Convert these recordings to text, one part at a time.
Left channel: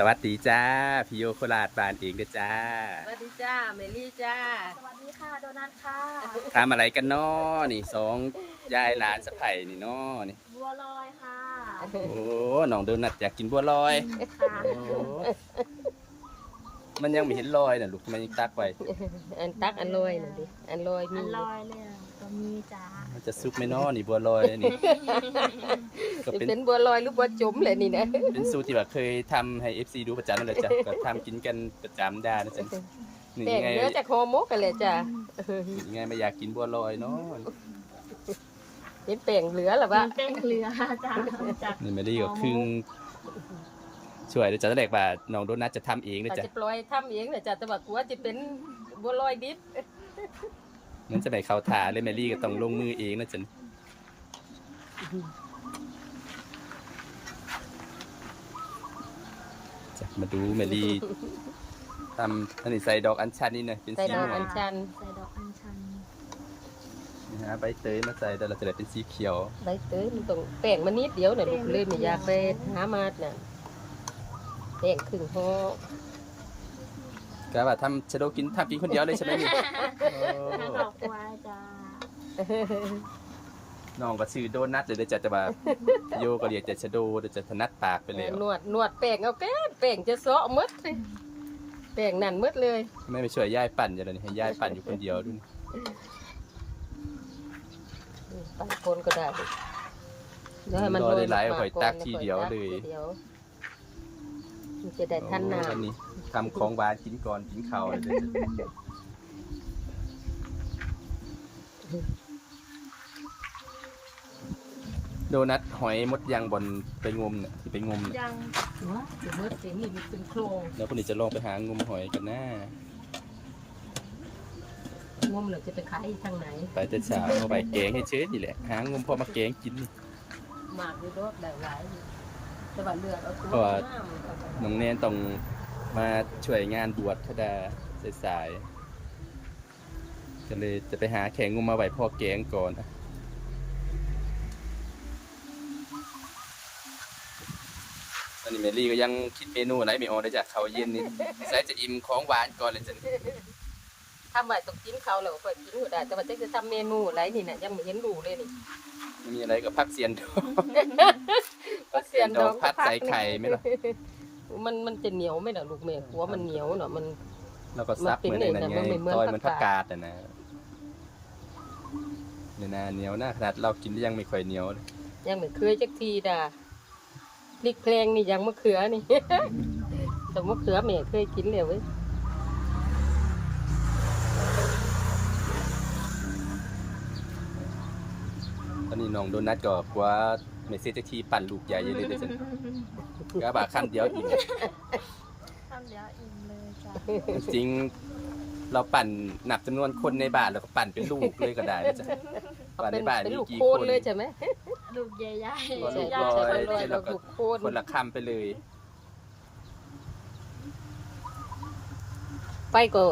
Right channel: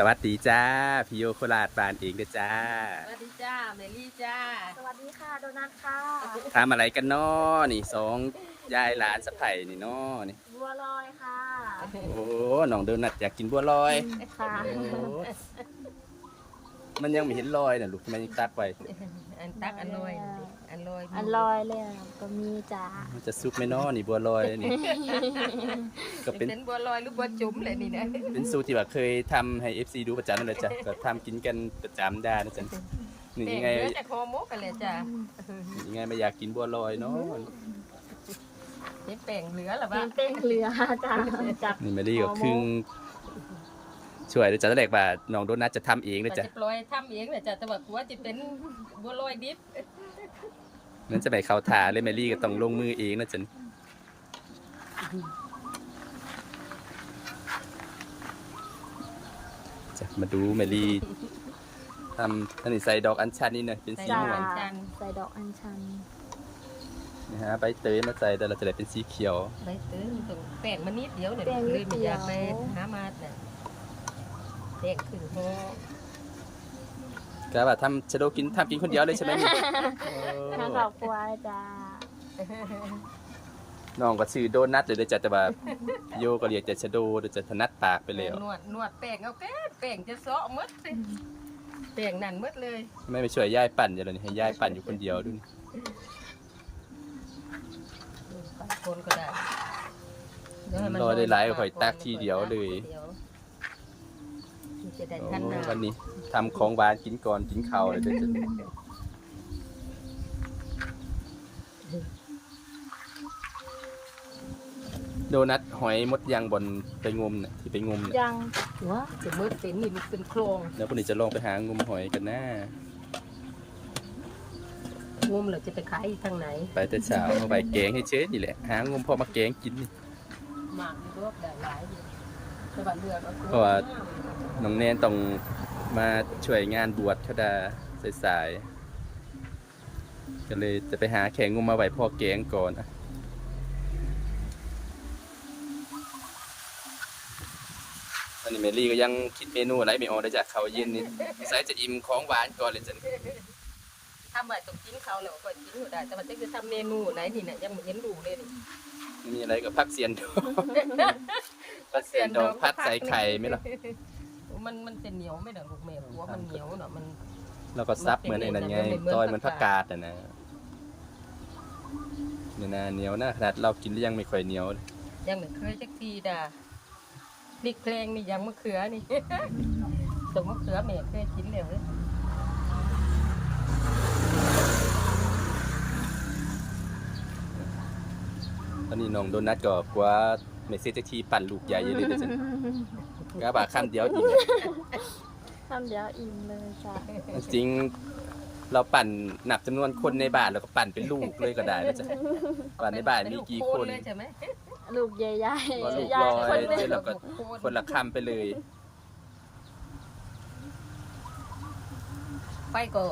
สวัสดีจ้าพี่โยโคราชบานเองเด้อจ้า สวัสดีจ้าเมลี่จ้า สวัสดีค่ะโดนัทค่ะ ทำอะไรกันน้อนี่สองยายหลานสะใภ้นี่น้อนี่ บัวลอยค่ะ โอ้น้องโดนัทอยากกินบัวลอยค่ะโอ้ มันยังไม่เห็นลอยน่ะลูกทำไมยังตักไว้อันตักอันลอยน่ะดิอันลอยมีอันลอยเลยก็มีจ้ามันจะซุกไหมน้อนี่บัวลอยนี่ ก็เป็นเป็นบัวลอยหรือบัวจุ๋มเลยนี่นะเป็นสูตรที่แบบเคยทำให้ FC ดูประจำนั่นแหละจ้ะก็ทำกินกันประจำได้นะจ๊ะนี่แต่ยังงไงเนื้อจากโฮโมกไปเลยจ้ายังไงไม่อยากกินบัวลอยเนาะเห็นแป้งเหลือหรือเป็ว่านเป้งเรือจ้าจากนี่มาดีก็ครึ่ง ช่วยเดี๋ยวจะแรกว่าน้องโดนัทจะทำเองนะอาจจ๊ะจะปล่อยทำเองเลยจ้าแต่ว่ากลัวจะเป็นบัวลอยดิบนั้นจะไปเข้าถาเลยแมรี่ก็ต้องลงมือเองนะจ๊ะนี่จะมาดูแมรี่ทำอันนี้ใส่ดอกอัญชันนี่หน่อยเป็นใส่สีดอกม่วอังญชันใส่ดอกอัญชันนะฮะใบเตยมาใส่แต่เราจะได้เป็นสีเขียวใบเตยมันต้องแป้งมันนิดเดียวเนี่ยลูกเลยไม่อยากไปหามาดน่ะ แป้งครึ่งห่อก็ว่าทำชะโดกินทำกินคนเดียวเลยใช่ไหมนี่โอ้มาขอบควายจ้าน้องก็ซื้อโดนัทเลยเด้อจ้ะแต่ว่าโยก็เรียกแต่ชะโดเดี๋ยวจะถนัดปากไปแล้วนวดนวดแป้งเอาแป้งแป้งจะเซาะหมดเลยแป้งนั่นหมดเลยทำไมไม่ช่วยย่ายปั่นอย่างนี้ให้ย่ายปั่นอยู่คนเดียวดูนี่บางคนก็ได้เดี๋ยวให้มันรอได้หลายข่อยตักทีเดียวเลย ดี๋วมัน จะได้ทันโอ้น้วันนี้ทำของหวานกินก่อนกินข้าวเลยเดี๋ยวจะโดนัทหอยมดยางบนไปงมน่ะที่ไปงมน่ะยังำว่าจะมืดเป็นนี่มันเป็นโครงแล้วพวกนี้จะลองไปหางมหอยกันนะงมเหราจะไปขายทางไหนไปแต่เช้าเอาไปแกงให้เชฟนี่แหละหางมพอมาแกงกินนี่ หมากอยู่รอบได้หลายอยู่ แต่ว่าเลือกเอาตัวเพราะว่า น้องแนนต้องมาช่วยงานบวชเขาดาสายๆก็เลยจะไปหาแข่งงมมาไหวพ่อแกงก่อนอะตอนนี้เมลี่ก็ยังคิดเมนูอะไรไม่ออกเลยจากเขาวเย็นนี่สายจะอิ่มของหวานก่อนเลยจ้ะ ทำไมต้องกินเขาวแล้วก็กินอยู่ได้แต่ว่าจะคือทำเมนูอะไรนี่เนี่ยยังไม่เห็นดูเลยนี่ไม่มีอะไรกับพักเสียนดองพักเสียนดองพัดใส่ไข่ไหมล่ะมันมันจะเหนียวไหมล่ะลูกแม่หัวมันเหนียวเนาะมันแล้วก็ซับเหมือนไอ้นั่นไงมันเป็นเหมือนต้อยเหมือนผัผักกกากาดดอะนะเนี่ยนะเหนียวนะขนาดเรากินแล้วยังไม่ค่อยเหนียวเลยยังไม่เคยจักทีด่าพริกแพลงนี่ยังมะเขือนี่สมมะเขือแม่เคยกินเลยเว้ย ตอนนี้น้องโดนัทก็กว่าเมสเซจจะทีปั่นลูกใหญ่เลยเดี๋ยวฉันกะบาคำเดียวอิ่มทำเดี๋ยวอิ่มเลยจ้าจริงเราปั่นนับจำนวนคนในบ้านแล้วก็ปั่นเป็นลูกเลยก็ได้นะจ๊ะปั่นในบ้านมีกี่คนเลยใช่ไหมลูกใหญ่ๆก็ลูกลอยเดี๋ยวเราก็คนละคำไปเลยไฟก็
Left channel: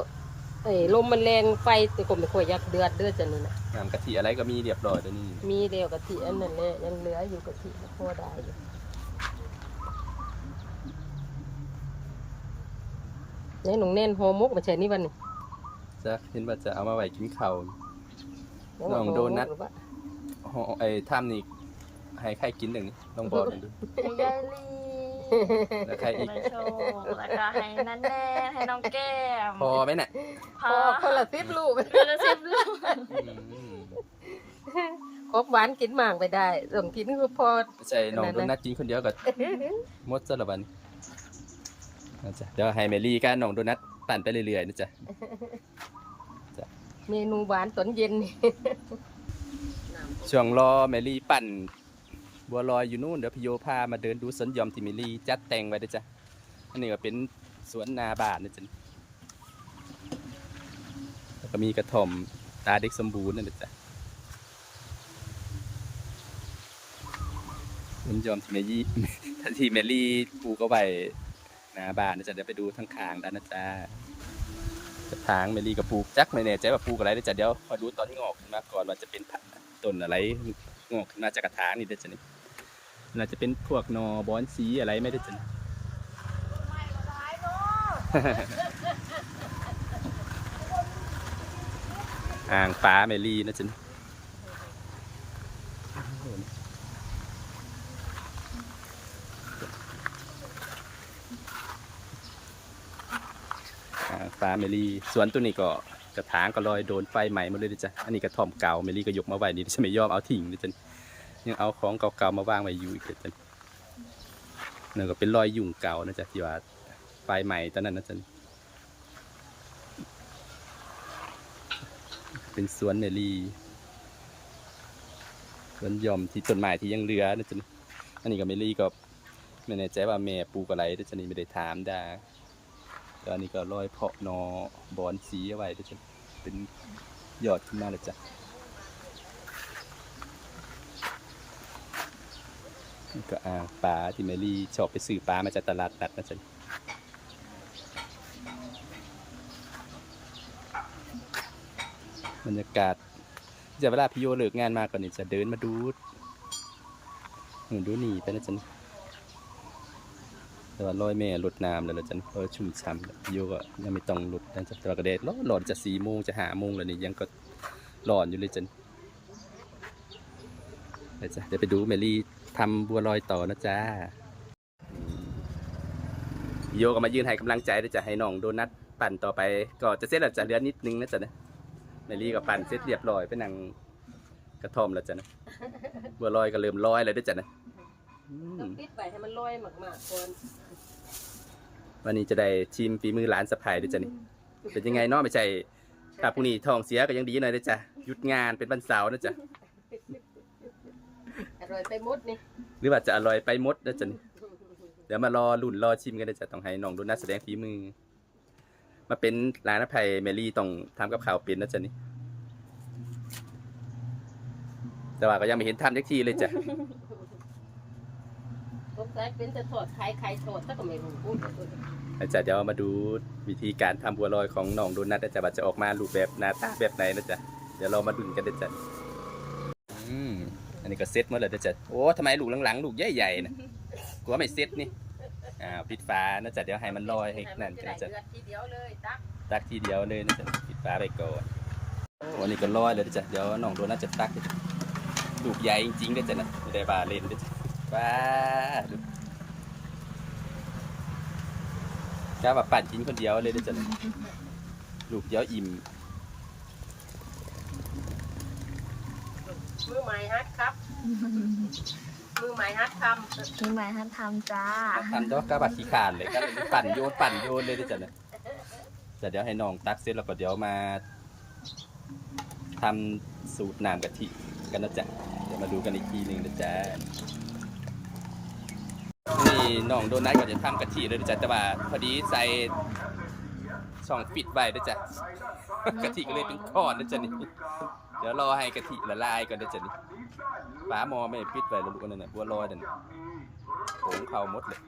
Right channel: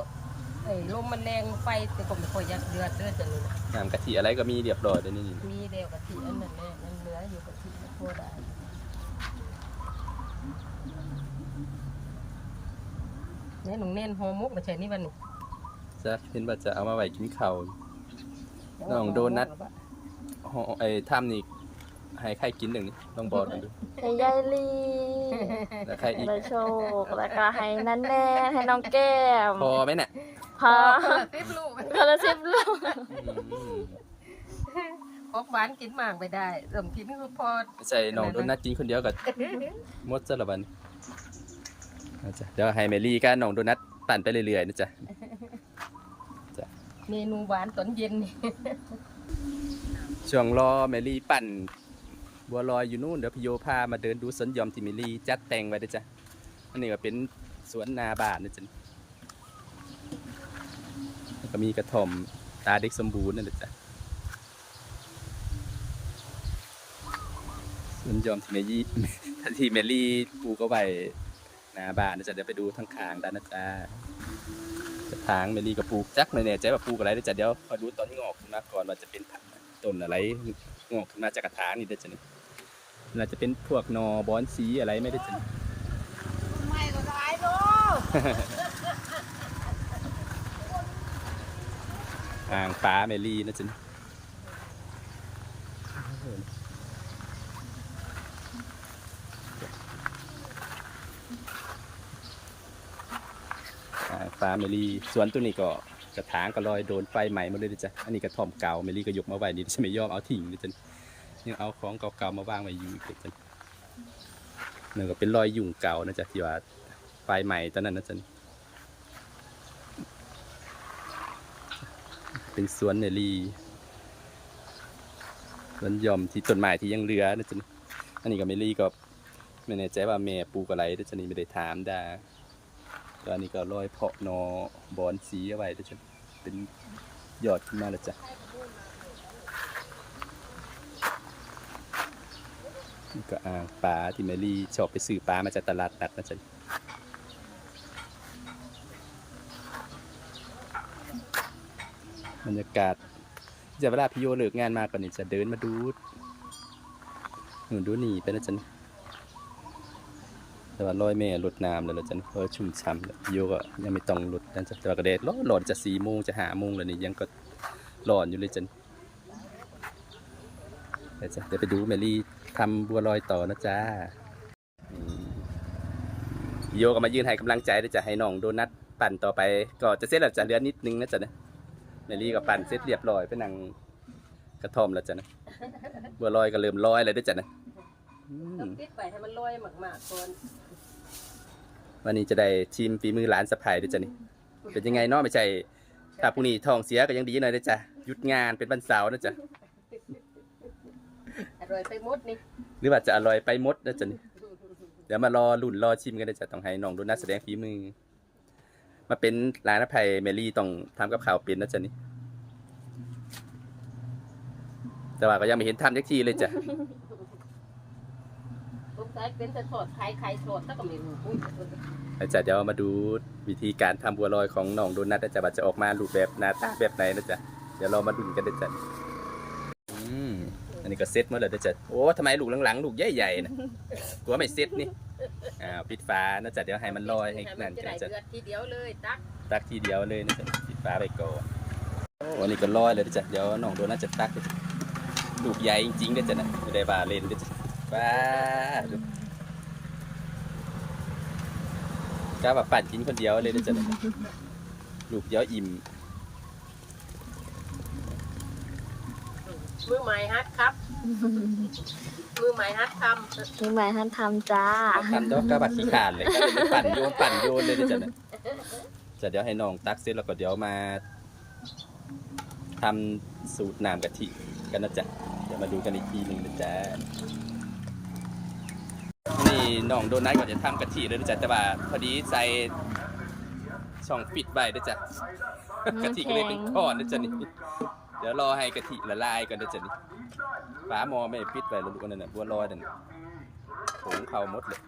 เอ้ยลมมันแรงไฟแต่ก็ไม่ค่อยอยักเดือดเดือดจะนี่นะน้ำกะทิอะไรก็มีเรียบร้อยแล้วนี่มีเดียวกะทิอันนั้นเนี่ยยังเหลืออยู่กะทิพอได้อยู่เนี่ยหนุ่งแน่นหอมกมาเชิญนี่วันนี้จะเห็นว่าจะเอามาไว้กินข้าว น้องโดนัท ห่อไอ้ถ้ำนี่ ให้ใครกินหนึ่งนี่ลองบอกกันดูให้ยายลีแล้วใครอีกได้โชคแล้วก็ให้นันแน่ให้น้องแก้มพอไหมเนี่ยพาคนละสิบลูกคนละสิบลูกอืมครบหวานกินหมากไปได้ส่งกินก็พอไม่ใช่น้องโดนัทกินคนเดียวกับมดซะละบันนะจ๊ะเดี๋ยวให้เมลี่กับน้องโดนัทปั่นไปเรื่อยๆนะจ๊ะเมนูหวานตอนเย็นนี่ช่วงรอเมลี่ปั่น บัวลอยอยู่นู่นเดี๋ยวพี่โยพามาเดินดูสวนยอมที่เมลี่จัดแต่งไว้นะจ๊ะอันนี้ก็เป็นสวนนาบานนะจ๊ะแล้วก็มีกระท่อมตาเด็กสมบูรณ์นั่นแหละจ๊ะสวนยอมที่เมลี่ทีเมลี่ปลูกเอาไว้นาบานนะจ๊ะเดี๋ยวไปดูทั้งคางด้านนะจ๊ะจะทางเมลี่กับปลูกจักไม่แน่ใจว่าปลูกอะไรนะจ๊ะเดี๋ยวขอดูตอนงอกขึ้นมาก่อนว่าจะเป็นต้นอะไรงอกขึ้นมาจากกระถางนี่เด้อจ๊ะนี่ น่าจะเป็นพวกหนอบอนสีอะไรไม่ได้จ๊ะนี่อ่างฟ้าเมลี่นะจ๊ะอ่างฟ้าเมลี่สวนตัวนี้ก็กระถางก็ลอยโดนไฟไหม้หมดเลยนะจ๊ะอันนี้กระท่อมเก่าเมลี่ก็ยกมาไว้นี่จะไม่ยอมเอาทิ้งนะจ๊ะ ยังเอาของเก่าๆมาวางไว้อยู่อีกนะจ๊ะนั่ก็เป็นรอยยุ่งเก่านะจ๊ะที่ว่าไฟไหม้ตอนนั้นนะจ๊ะเป็นสวนเมลี่สวนย่อมที่ต้นไม้ที่ยังเหลือนะจ๊ะอันนี้ก็เมลี่ก็ไม่แน่ใจว่าแม่ปลูกอะไรนะจ๊ะนี่ไม่ได้ถามดาแล้วอันนี้ก็ร้อยเพาะนอบอนสีเอาไว้นะจ๊ะเป็นยอดขึ้นมาแล้วจ้ะ ก็อ่างปลาที่เมลี่ชอบไปซื้อปลามาจากตลาดนัดนะจ๊ะบรรยากาศจะเวลาพี่โยเลิกงานมาก่อนนี่จะเดินมาดูหนูดูนี่ไปนะจันแต่ว่าลอยแม่รดน้ำแล้วละจันลอยชุ่มฉ่ำโยก็ยังไม่ต้องรดนะจ๊ะแต่ว่ากระเด็ดร้อนร้อนจะสี่โมงจะหาโมงแล้วนี่ยังก็ร้อนอยู่เลยจันเดี๋ยวจะเดี๋ยวไปดูเมลี่ ทำบัวลอยต่อนะจ๊ะอืมพี่โยก็มายืนให้กำลังใจด้วยจ้ะให้น้องโดนัทปั่นต่อไป ก็จะเสร็จแล้วจะเหลือนิดนึงนะจ๊ะเนี่ยเมลี่กับปั่นเสร็จเรียบร้อยไปนั่งกระท่อมแล้วจ้ะนะบัวลอยก็เริ่มลอยแล้วด้วยจ้ะนะอืมต้องปิดไปให้มันลอยมากๆก่อนวันนี้จะได้ชิมฝีมือหลานสะพายด้วยจ้ะนี่เป็นยังไงเนาะไม่ใช่ถ้าพรุ่งนี้ท้องเสียก็ยังดีหน่อยด้วยจ้ะหยุดงานเป็นวันเสาร์นะจ๊ะอ ร่อยไปหมดนี่หรือว่าจะอร่อยไปหมดนะจ๊ะนี่เดี๋ยวมารอลุ่นรอชิมกันเลยจ้ะต้องให้น้องดูนักแสดงฝีมือ มาเป็นร้านอภัยเมลี่ต้องทำกับข้าวเป็นนะจ๊ะนี่แต่ว่าก็ยังไม่เห็นทำยักทีเลยจ้ะสงสัยเป็นจะทอดไข่ไข่ทอดถ้าก็ไม่รู้พูดอาจารย์เดี๋ยวมาดูวิธีการทำบัวลอยของน้องโดนัทนะจ๊ะว่าจะออกมารูปแบบหน้าตาแบบไหนนะจ๊ะเดี๋ยวเรามาดูกันนะจ๊ะอืมอั นนี้ก็เซ็ตหมาเลยนะจ๊ะโอ้ทำไมลูกหลังๆลูกใหญ่ๆนะกลัวไม่เซ็ตนี่อ้าวปิดฟ้านะจ๊ะเดี๋ยวให้มันลอยให้นั่นจะกันได้นะจ๊ะเดือดทีเดียวเลยตักตักทีเดียวเลยนะจ๊ะปิดฟ้าไปก่อนโอ้อันนี้ก็ลอยเลยนะจ๊ะเดี๋ยวน้องโดนัทจะตักนะจ๊ะลูกใหญ่จริงๆนะจ๊ะนะไม่ได้บาเล่นนะจ๊ะฟ้าดูกล้าแบบปั่นกินคนเดียวเลยนะจ๊ะนะลูกเดียวอิ่ม มือใหม่ฮัทครับ มือใหม่ฮัททำมีหมายท่านทำจ้ามาทำดอกกระบาดขี้ขานเลยก็เลยปั่นโยนปั่นโยนเลยนะจ๊ะนะจะเดี๋ยวให้น้องตักเสร็จแล้วก็เดี๋ยวมาทำสูตรน้ำกะทิกันนะจ๊ะเดี๋ยวมาดูกันอีกทีหนึ่งนะจ๊ะนี่น้องโดนัทก็จะทำกะทิเลยนะจ๊ะแต่ว่าพอดีใส่ช่องปิดไว้นะจ๊ะกะทิก็เลยเป็นก้อนนะจ๊ะนี่เดี๋ยวรอให้กะทิละลายก่อนนะจ๊ะนี่ฝาหม้อไม่ปิดไว้แล้วลูกนั่นน่ะบัวลอยนั่นผงเข้าหมดเลย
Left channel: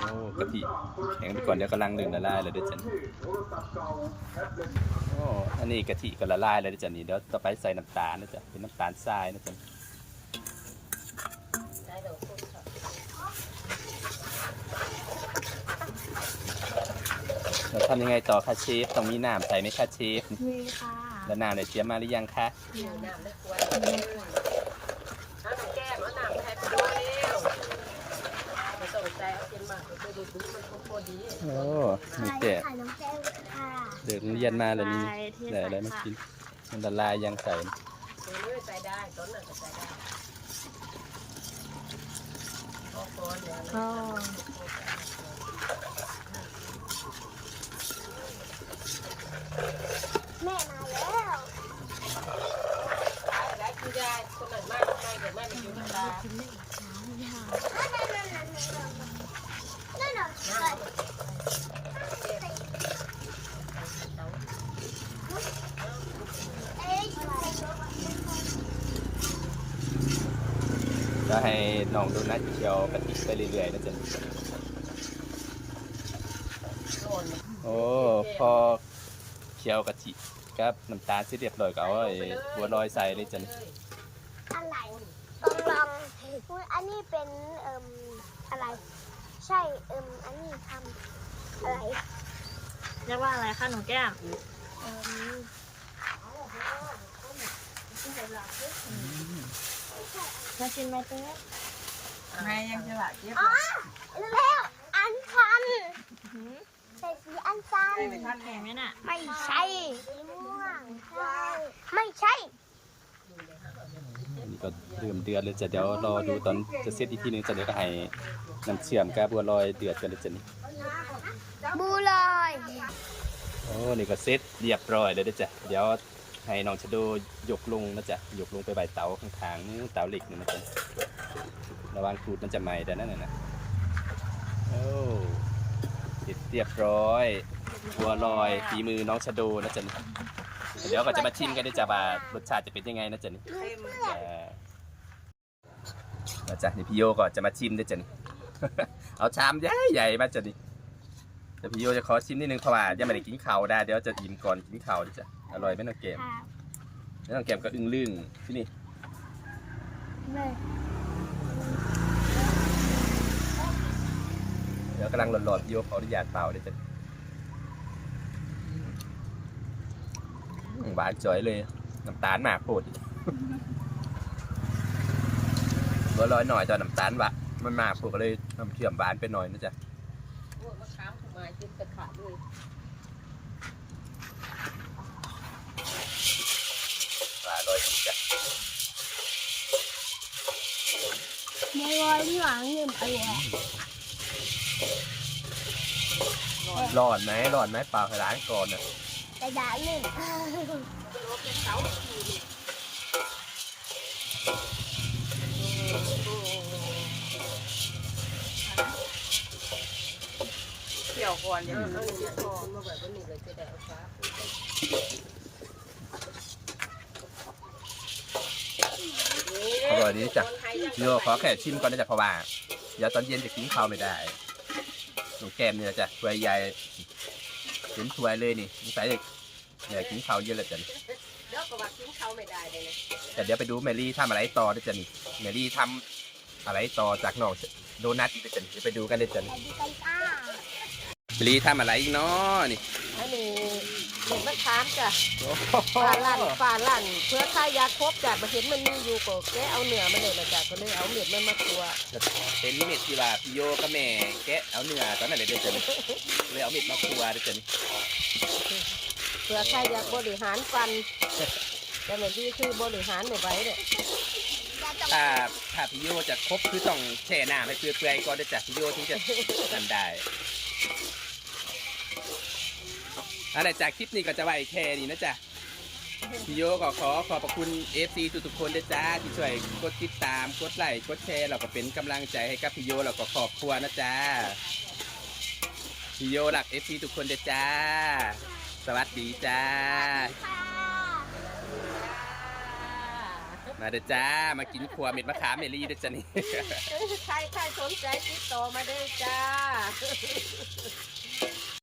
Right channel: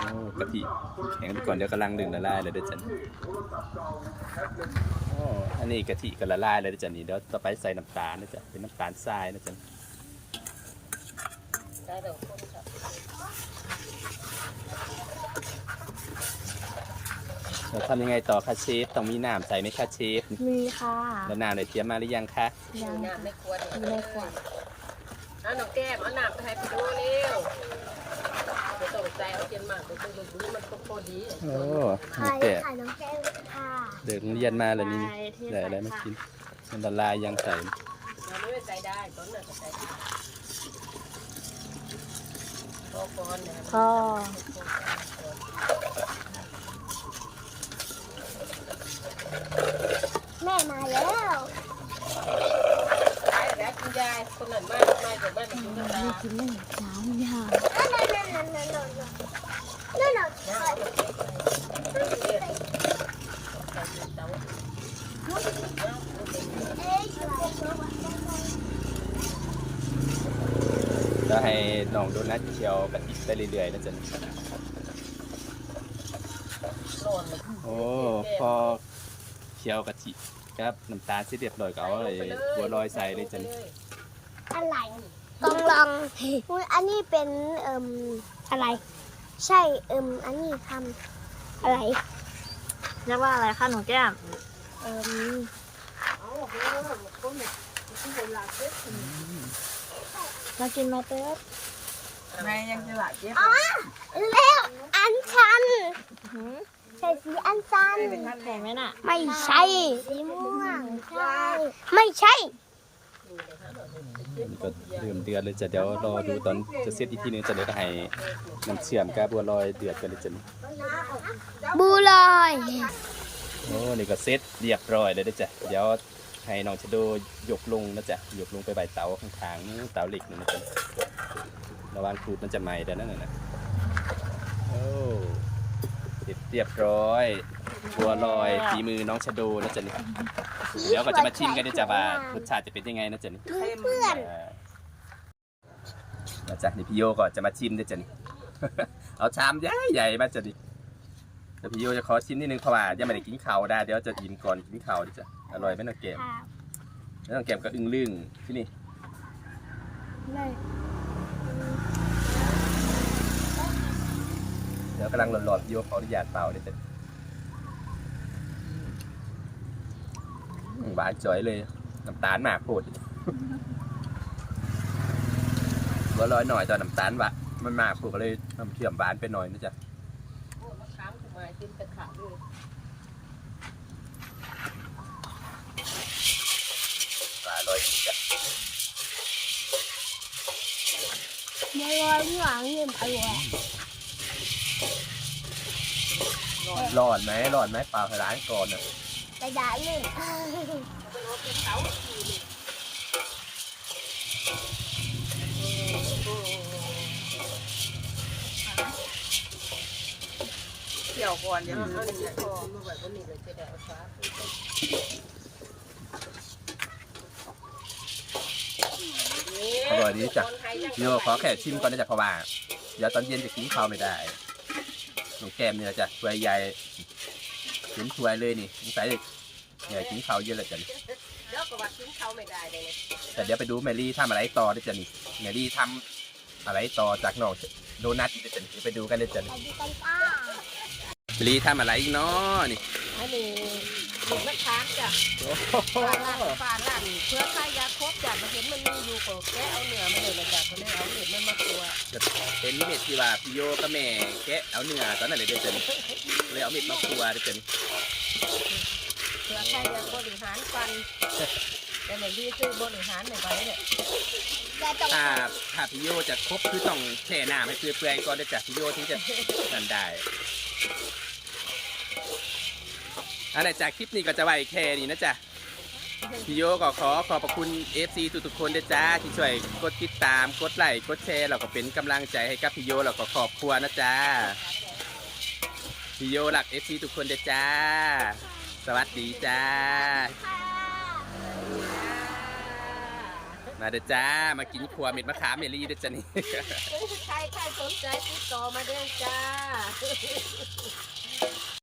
โอ้กะทิแข็งไปก่อนเดี๋ยวกำลังดึงละลายเลยเด้อจันโอ้อันนี้กะทิก็ละลายเลยเด้อจันนี่เดี๋ยวต่อไปใส่น้ำตาลนะจ๊ะเป็นน้ำตาลทรายนะจัน เราทำยังไงต่อคะเชฟต้องมีน้ำใส่ไหมคะเชฟมีค่ะแล้วน้ำได้เตรียมมาหรือยังคะยังน้ำในกล้วยมีเลยค่ะเอาน้ำแก้มเอาน้ำมาให้พี่โดเร็วไม่ต้องใส่เอาเทียมมากมันอยู่ดีมันก็พอดีโอ้นี่แต่ขายน้องแก้วค่ะเดินเรียนมาแล้วนี่ไปที่ได้อะไรมากินมันละลายยังใส่เดี๋ยวเลยใส่ได้ตอนนั้นก็ใส่ได้พอก่อนเนี่ย พ่อ แม่มาแล้ว ขายแล้วคุณยายคนนั้นมากไม่เดี๋ยวแม่จะ กินธรรมดากินหนึ่งจ้าไม่หานั่นนั่นนั่นนั่นนั่นนั่นนั่นจะให้น้องโดนัทเคี่ยวกะทิไปเรื่อยๆนะจ๊ะโอ้พอเคี่ยวกะทิครับน้ำตาลเสร็จเรียบร้อยก็เอาไอ้บัวลอยใส่เลยจ้ะอะไร ต้องลองอุ๊ยอันนี้เป็นเอ่มอะไร ใช่เอิมอันนี้ทำอะไรเรียกว่าอะไรคะหนูแก้มเอิมมากินไหมเต้ไม่ยังจะหลายเจ็บอ๋อแล้วอันชันหือใช่สีอันชันแข็งไหมน่ะ ไม่ใช่สีม่วงใช่ไม่ใช่อั นนี้ก็เริ่มเดือดเลยจ้ะเดี๋ยวรอดูตอนจะเสร็จอีกทีนึงจ้ะเดี๋ยวก็ให้น้ำเชื่อมกับบัวลอยเดือดกันเลยจ้ะนี่บูลอยโอ้นี่ก็เสร็จเรียบร้อยเลยเด้อจ้ะเดี๋ยวให้น้องชะโดยกลงนะจ๊ะยกลงไปใบเตาข้างๆนู้นเตาเหล็กนู่นนะจ๊ะระวังครูดมันจะไหม้เด้านนั่นน่ะนะโอ้เสร็จเรียบร้อยบัวลอยฝีมือน้องชะโดนะจ๊ะนี่ เดี๋ยวก็จะมาชิมกันด้วยจ้ะว่ารสชาติจะเป็นยังไงนะจ๊ะนี่เออมาจ้ะนี่พี่โยก็จะมาชิมด้วยจ้ะนี่ เอาชามใหญ่ใหญ่ๆมาจ้ะนี่แต่พี่โยจะขอชิมนิดนึงเพราะว่ายังไม่ได้กินข้าวได้เดี๋ยวจะอิ่มก่อนกินข้าวดิจ้ะอร่อยไหมน้องเกมแล้วน้องเกมก็อึ้งลึงที่นี่เลยเดี๋ยวกำลังร้อนๆพี่โยขออนุญาตเป่าด้วยจ้ะอืม หวานจ่อยเลยน้ำตาลมากโพดบัวลอยหน่อยตอนน้ำตาลวะมันมากพวกก็เลยน้ำเชื่อมหวานไปหน่อยนะจ๊ะมะขามขึ้นมาจนตะขาดเลยปลาลอยจ้ะบูลอยที่หวังเงินไปแล้วร้อนไหมร้อนไหมเปล่าให้ร้านก่อนนะ กระดาษหนึ่งเกี่ยวก่อนยังเอาเอาหนึ่งนะพอมาไว้บนนี้เลยจะได้เอาฟ้าอร่อยดีจ้ะพี่โยขอแค่ชิมก่อนนะจ๊ะเพราะว่าเดี๋ยวตอนเย็นจะกินข้าวไม่ได้หนูแก้มเนี่ยจ้ะถ้วใหญ่ เห็นถ้วยเลยนี่สงสัยเนี่ยกินข้าวเย็นเลยจ้ะนี่เดี๋ยวก็ว่ากินเขาไม่ได้เลยแต่เดี๋ยวไปดูแมรี่ทำอะไรต่อด้วยจ้ะนี่แมรี่ทำอะไรต่อจากน้องโดนัทอีกด้วยจ้ะนี่เดี๋ยวไปดูกันเลยจ้ะนี่ไปดูกันจ้าแมรี่ทำอะไรอีกเนาะนี่ อันนี้หนึ่งมะขามจ้ะโอ้โหปลาล่างปลาล่างเพื่อใช้ยาครบจ้ะมาเห็นมันมีอยู่ก็เลยเอาเนื้อมาเลยนะจ้ะก็เลยเอาเนื้อมันมาตัวเป็นเม็ดที่ว่าพี่โยกับแม่แกะเอาเนื้อตอนนั้นเลยเด้อจ้ะนี่เลยเอาเม็ดมาคั่วด้วยจ้ะนี่เพื่อใช้ยาบริหารกันแต่เนี่ยดีคือบริหารไม่ไหวเนี่ยถ้าถ้าพี่โยจะครบคือต้องแช่น้ำให้เปื่อยๆก่อนด้วยจ้ะพี่โยถึงจะนั่นได้ อันไหนจากคลิปนี้ก็จะไว้แค่นี้นะจ๊ะพี่โยก็ขอขอบพระคุณ FC ทุกๆคนด้วยจ้า ที่ช่วยกดติดตามกดไลค์กดแชร์เราก็เป็นกำลังใจให้กับพี่โยเราก็ขอบครัวนะจ้าพี่โยหลัก FC ทุกคนด้วยจ้า สวัสดีจ้า มาเด้อจ้า มากินครัวเม็ดมะขามเมลี่เด้อจ้านี่ใครใครสนใจติดต่อมาด้วยจ้า